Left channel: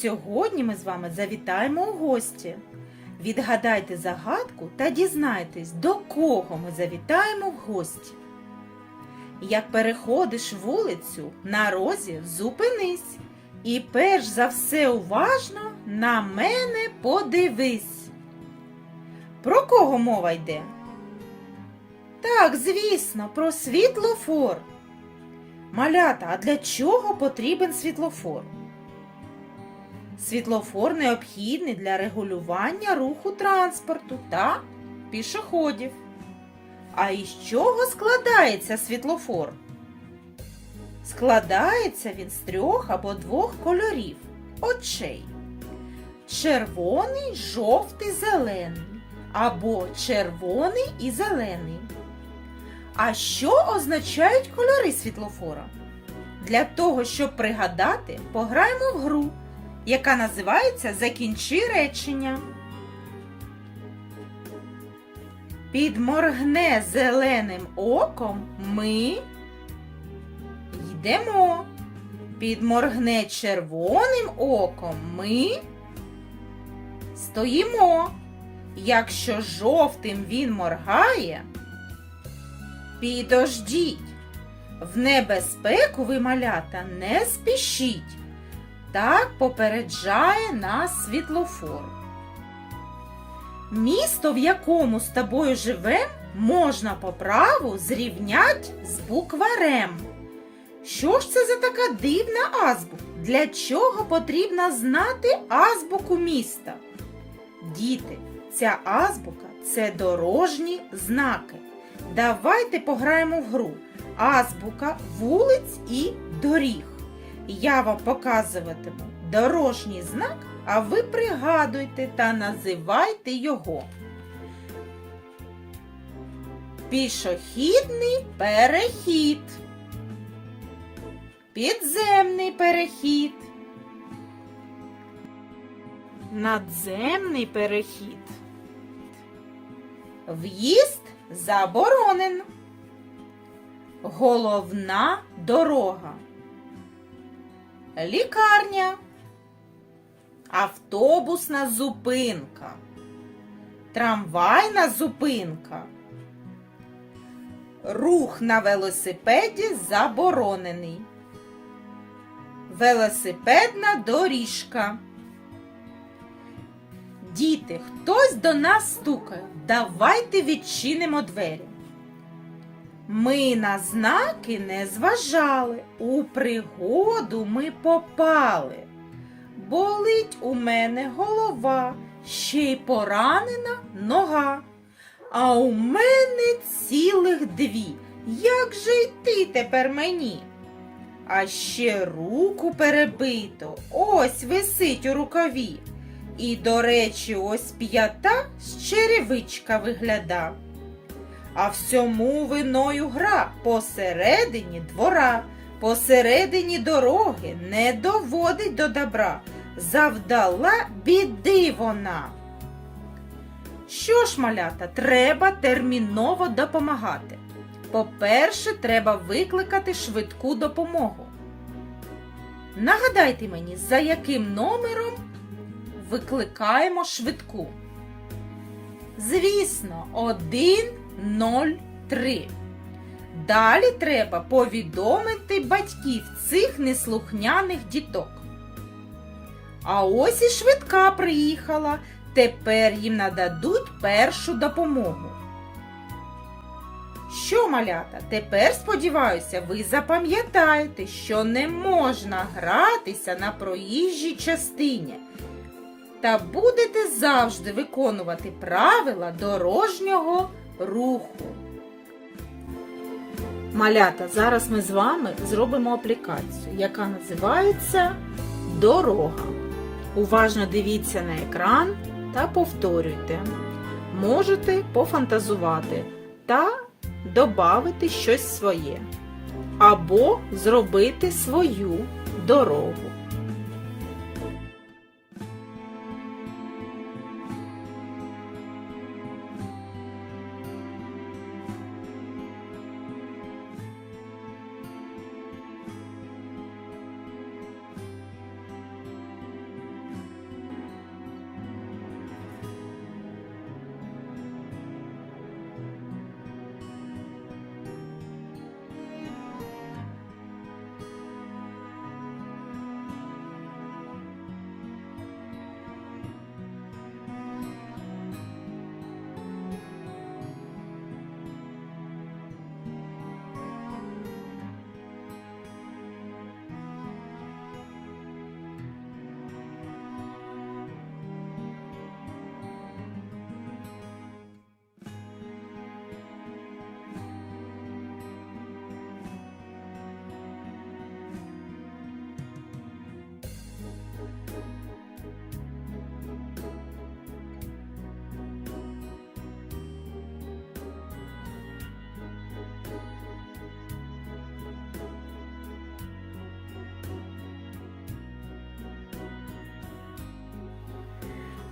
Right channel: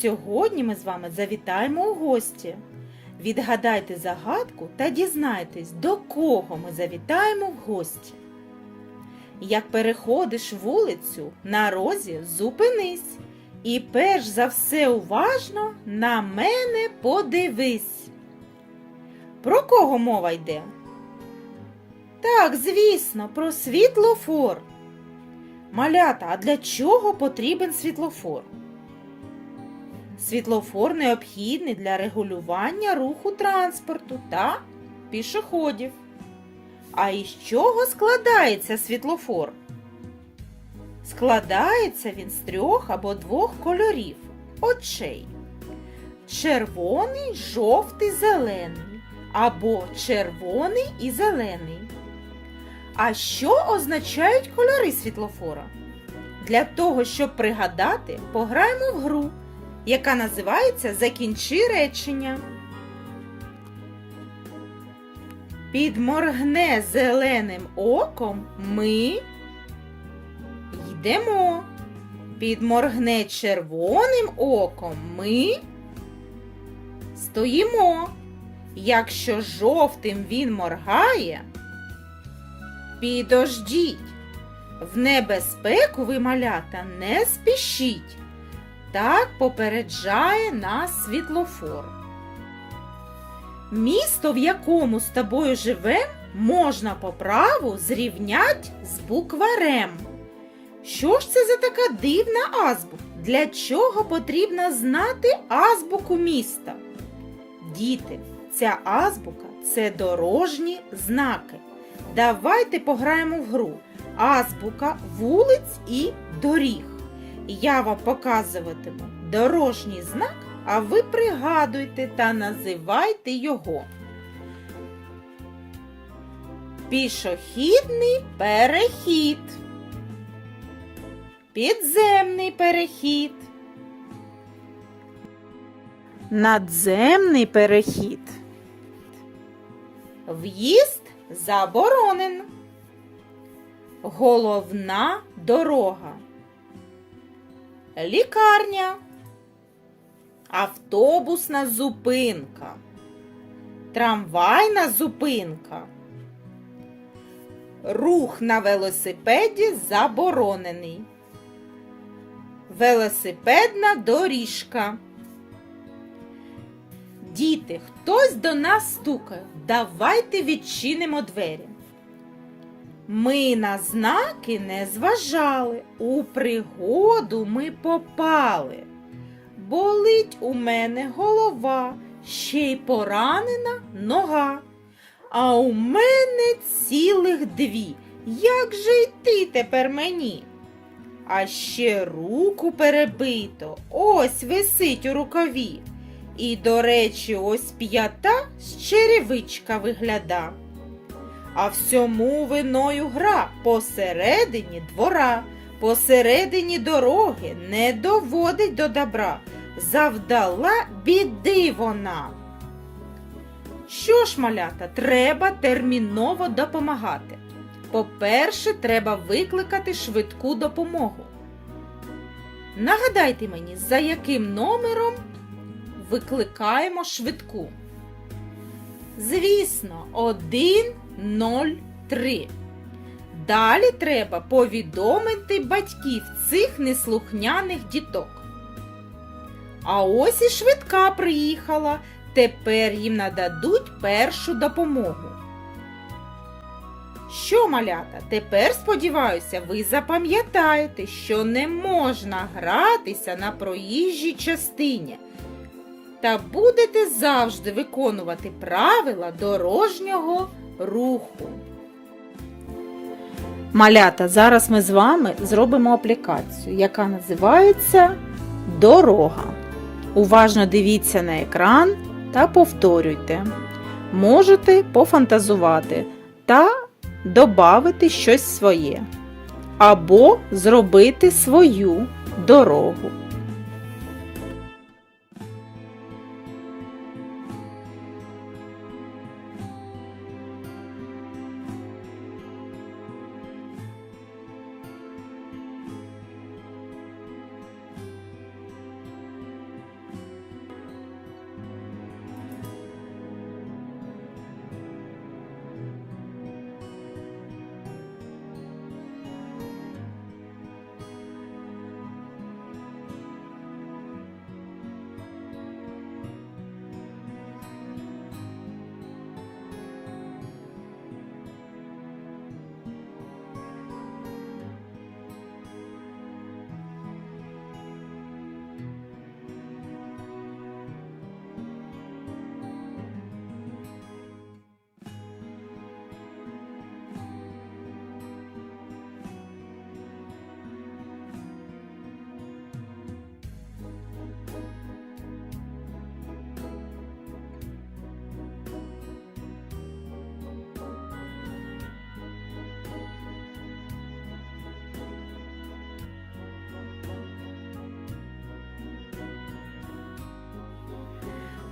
Сьогодні ми з вами завітаємо у гості. Відгадайте загадку та дізнайтесь, до кого ми завітаємо в гості. Як переходиш вулицю, на розі зупинись. І перш за все уважно на мене подивись. Про кого мова йде? Так, звісно, про світлофор. Малята, а для чого потрібен світлофор? Світлофор необхідний для регулювання руху транспорту та пішоходів. А із чого складається світлофор? Складається він з трьох або двох кольорів очей. Червоний, жовтий, зелений або червоний і зелений. А що означають кольори світлофора? Для того, щоб пригадати, пограємо в гру, яка називається Закінчи речення. Підморгне зеленим оком ми йдемо. Підморгне червоним оком ми стоїмо. Якщо жовтим він моргає, підождіть. В небезпеку ви малята не спішіть. Так попереджає нас світлофор. Місто, в якому з тобою живем, можна по праву зрівнять з букварем. Що ж це за така дивна азбука? Для чого потрібно знати азбуку міста? Діти, ця азбука це дорожні знаки. Давайте пограємо в гру. Азбука вулиць і доріг. Я вам показуватиму дорожній знак, а ви пригадуйте та називайте його. Пішохідний перехід. Підземний перехід. Надземний перехід. В'їзд заборонен. Головна дорога. Лікарня. Автобусна зупинка. Трамвайна зупинка. Рух на велосипеді заборонений. Велосипедна доріжка. Діти, хтось до нас стукає. Давайте відчинимо двері. Ми на знаки не зважали, у пригоду ми попали. Болить у мене голова, ще й поранена нога. А у мене цілих дві. Як же йти тепер мені? А ще руку перебито, ось висить у рукаві. І, до речі, ось п'ята з черевичка вигляда. А всьому виною гра посередині двора, посередині дороги не доводить до добра. Завдала біди вона. Що ж, малята, треба терміново допомагати. По-перше, треба викликати швидку допомогу. Нагадайте мені, за яким номером викликаємо швидку. Звісно, 103. Далі треба повідомити батьків цих неслухняних діток. А ось і швидка приїхала. Тепер їм нададуть першу допомогу. Що, малята, тепер, сподіваюся, ви запам'ятаєте, що не можна гратися на проїжджій частині та будете завжди виконувати правила дорожнього руху. Малята, зараз ми з вами зробимо аплікацію, яка називається Дорога. Уважно дивіться на екран та повторюйте. Можете пофантазувати та додати щось своє. Або зробити свою дорогу.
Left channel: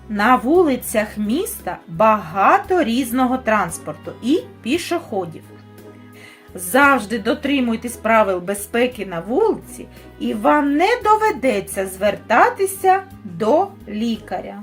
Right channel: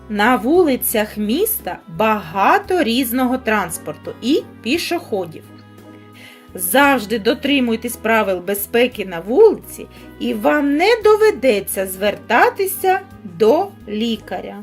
На вулицях міста багато різного транспорту і пішоходів. Завжди дотримуйтесь правил безпеки на вулиці, і вам не доведеться звертатися до лікаря.